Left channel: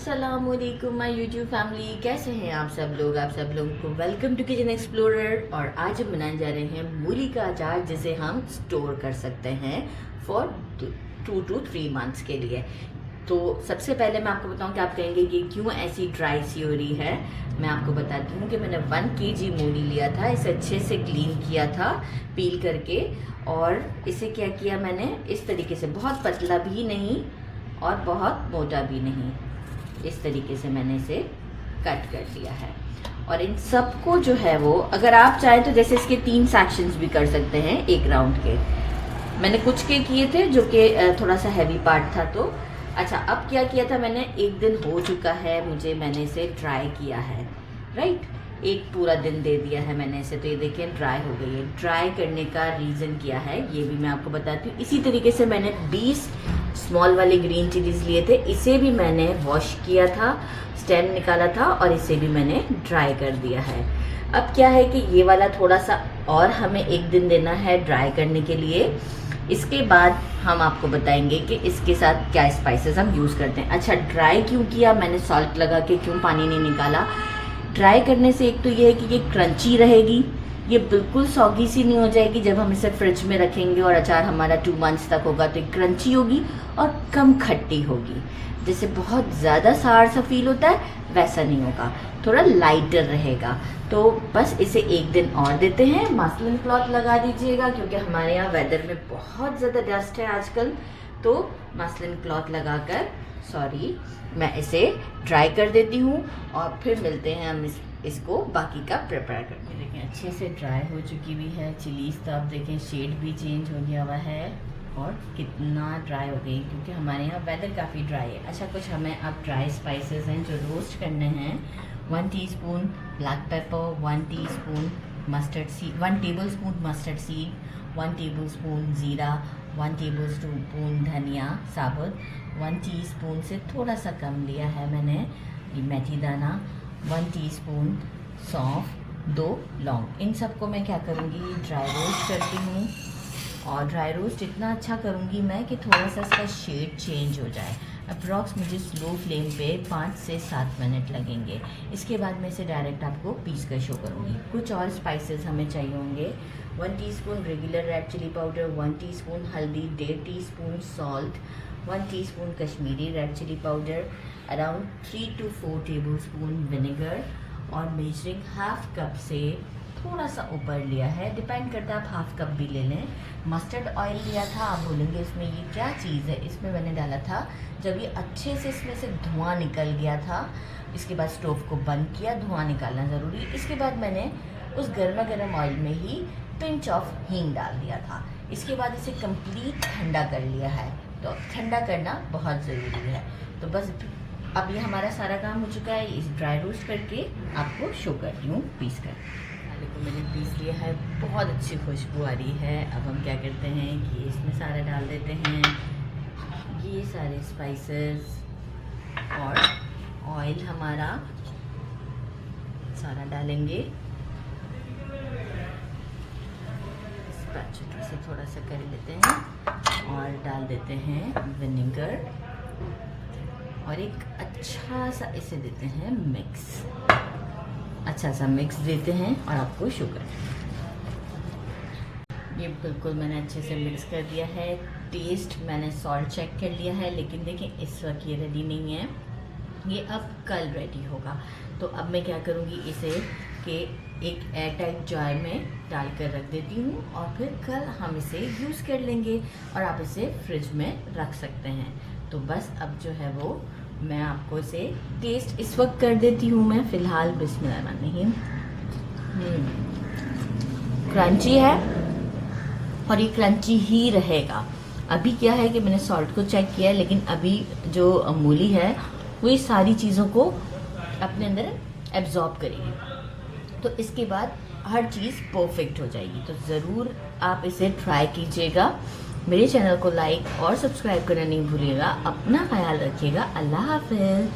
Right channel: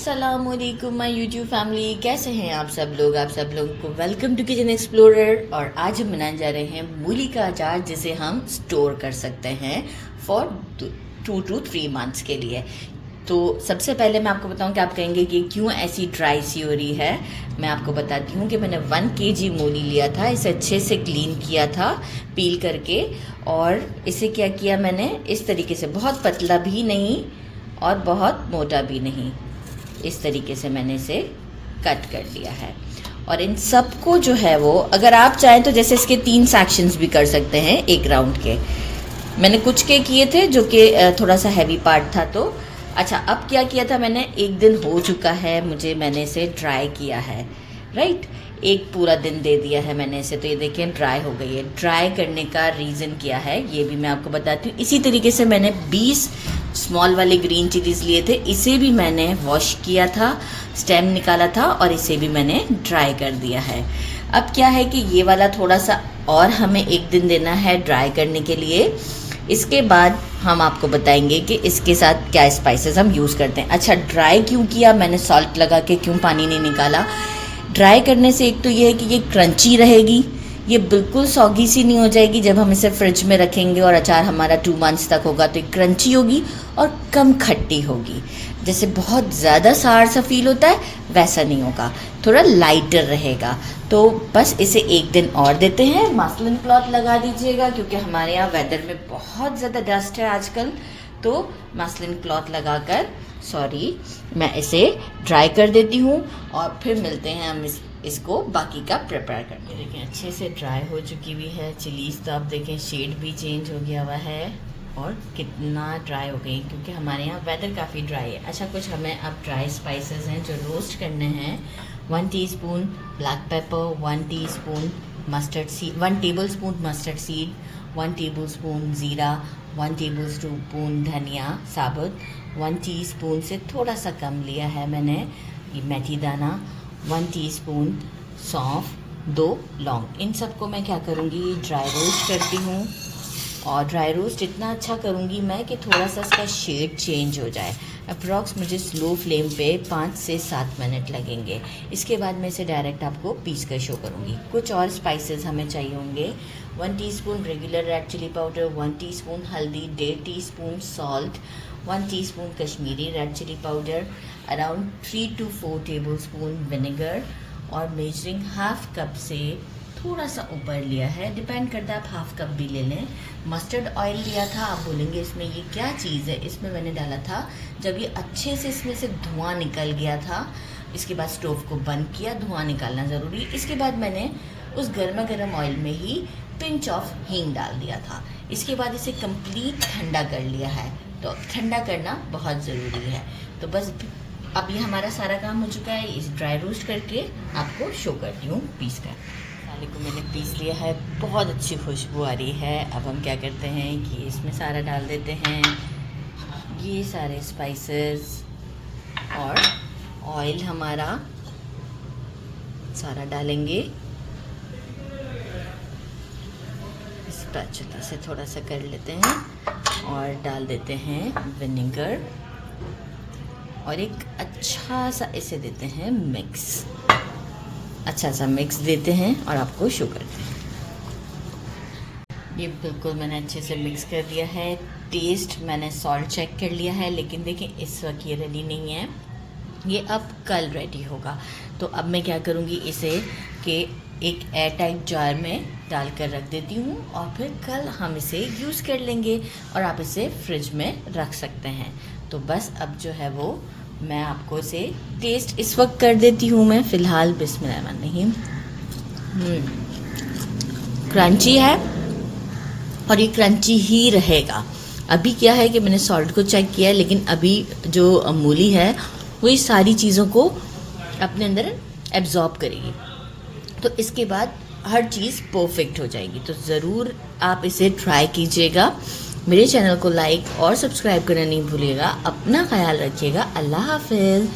अस्सलामुअलैकुम my YouTube family, कैसे हैं आप सब लोग। आप सब लोगों को वेलकम टू किचन एक्सप्लोरर। और आज हम बनाने जा रहे हैं मूली का अचार, जिसे हम स्टोर कर सकते हैं फॉर 2 to 3 मंथ्स के लिए। तो सबसे पहले मैं आपको बताऊं कि आप कहेंगे कि क्यों ऐसी ड्राई सी हो रही है। मैं आपको बताती हूँ कि मैंने 1 kg मूली लिया था, इसे अच्छे से क्लीन किया था पील करके। और इसे क्या किया मैंने, इस तरीके से, बहुत पतला भी नहीं और बहुत मोटा भी नहीं, इस तरीके से मैंने इसे कट कर लिया है। और इन सबको जो है वो, अगर आप चाहें तो जैसे इसके 3 सेक्शंस भी कर सकते हैं एक राउंड के। मैंने कुछ के किए थे जो कि थोड़ा सा हैवी पार्ट था। तो अच्छा, अब क्या किया था मैंने, एक दिन हो चुका है मुझे, मैंने इसे ड्राई किया है, राइट। एक पूरा दिन दे दिया है मैंने इसे, तो ये देखिए ड्राई हो गई है। ड्राई करने का रीज़न क्या है ये भी मैं आपको बताती हूँ। इसी तरीके से मैंने 20 स्मॉल वाले ग्रीन चिलीज़ लिए थे, इसे भी मैंने वॉश किया था, स्टेम निकाला था और इसे भी मैंने ड्राई कर दिया है। अब क्या है कि ये वाला थोड़ा सा और हमें एक दिन देना है ड्राई करने के लिए। इसके बाद हम आपको बताएंगे कि इसके साथ क्या स्पाइसेस हम यूज़ करते हैं। अच्छा, ड्राई क्यों किया मैंने, सॉल्ट लगा के क्यों पानी नहीं निकाला। ड्राई करने से एक तो ये है कि ये क्रंची रहेगी, ये बिल्कुल सॉगी सी नहीं हो जाएगी। जब हम इसे फ्रिज में रखेंगे और अचार हमारा 2 मंथ्स तक होगा तो ये क्रंची होगी और कम खट्टी होगी। जैसे बहुत ज़्यादा सार सा फील होता है वैसा नहीं होगा, थोड़ा लाइटर रहेगा। तो बस इसे एक दिन और देते हैं। मसलिन क्लॉथ लगा दीजिएगा क्योंकि हमारे यहाँ वेदर में बहुत ज़्यादा डस्ट है आजकल। तो मसलिन क्लॉथ लगाकर मैं इसे ड्राई कर देती हूँ और फिर मिलते हैं हम इसको बाकी का प्रिपेयर करके। देखें अच्छे से ड्राई हो चुकी हुई है चिलीज़, तो आप देखें शेड भी चेंज हो गया हुआ है और कितना ड्राई हो गई, क्योंकि हमारे यहाँ वेदर काफ़ी ड्राई है। अच्छा, कुछ हमें अब ड्राई स्पाइसेस हैं जो रोस्ट करने हैं। 1 teaspoon black pepper, 1 teaspoon mustard seed, 1 tablespoon mustard seed, 1 tablespoon ज़ीरा, 1 टेबलस्पून धनिया साबुत, 1 टीस्पून से थोड़ा सा कम लिया है मैंने ये मेथी दाना, 1 टीस्पून सौंफ, 2 लौंग। इन सबको मैं क्या करूँगी, ड्राई रोस्ट करती हूँ। और ड्राई रोस्ट इतना अच्छा करूँगी मैं कि थोड़ा सा इसका शेड चेंज हो जाए। अप्रॉक्स मुझे स्लो फ्लेम पे 5 से 7 मिनट लगेंगे। इसके बाद मैं इसे डायरेक्ट आपको पीस कर शो करूँगी। कुछ और स्पाइसेस हमें चाहिए होंगे। 1 teaspoon regular red chili powder, 1 teaspoon हल्दी, 1.5 teaspoon salt, 1 teaspoon Kashmiri red chili powder, around 3 to 4 tablespoon vinegar, और मेजरिंग हाफ कप से थोड़ा सा ऊपर लिया है, डिपेंड करता है आप हाफ कप भी ले लें। मस्टर्ड ऑयल लिया था। आप बोलेंगे इसमें ये क्या चीज़ है, इसमें मैंने डाला था जब ये अच्छे से इसमें से धुआं निकल गया था। इसके बाद स्टोव को बंद किया, धुआं निकालना ज़रूरी। इसके बाद मैंने उस गर्मा गर्म ऑयल में ही पिंच ऑफ हींग डाल दिया था। इसके बाद इसे कंप्लीट ठंडा कर लिया है, तो ठंडा करना बहुत ज़रूरी है। तो बस अब ये हमारा सारा काम हो चुका है। इस ड्राई रोस्ट करके आपको शो करती हूँ पीस कर। मसाले को मैंने पीस लिया है, बहुत अच्छी खुशबू आ रही है। अब हम क्या करते हैं कि इसमें सारा डाल देते हैं, ये सारे स्पाइसेस और ऑयल हमारा सारा डालेंगे। स्पैचुला से थोड़ा सा कर लेते हैं और डाल देते हैं विनेगर और एक अच्छा सा इसे देते हैं मिक्स, अच्छा सा मिक्स देते हैं और आपको शो करते हैं। ये बिल्कुल मैंने अच्छे से मिक्स कर दिया है। टेस्ट मैंने सॉल्ट चेक कर लिया है, लेकिन देखिए इस वक्त ये रेडी नहीं है, ये अब कल रेडी होगा। तो अब मैं क्या करूँगी, इसे कि एक एयर टाइट जार में डाल कर रख देती हूँ और फिर कल हम इसे यूज़ कर लेंगे और आप इसे फ्रिज में रख सकते हैं। तो बस अब जो है वो मैं आपको इसे टेस्ट इस वक्त कर देती हूँ मैं फ़िलहाल। बिस्मिल्लाहिर्रहमानिर्रहीम। क्रंची है और ये क्रंची ही रहेगा। अभी क्या है कि मैंने सॉल्ट को चेक किया है, लेकिन अभी जो मूली है वो ये सारी चीज़ों को अपने अंदर एब्जॉर्ब करेगी, तो इसके बाद हर चीज़ परफेक्ट हो जाएगी। तो ज़रूर आप इसे ट्राई कीजिएगा। मेरे चैनल को लाइक और सब्सक्राइब करना नहीं भूलिएगा। अपना ख्याल रखिएगा। अल्लाह हाफ़िज़।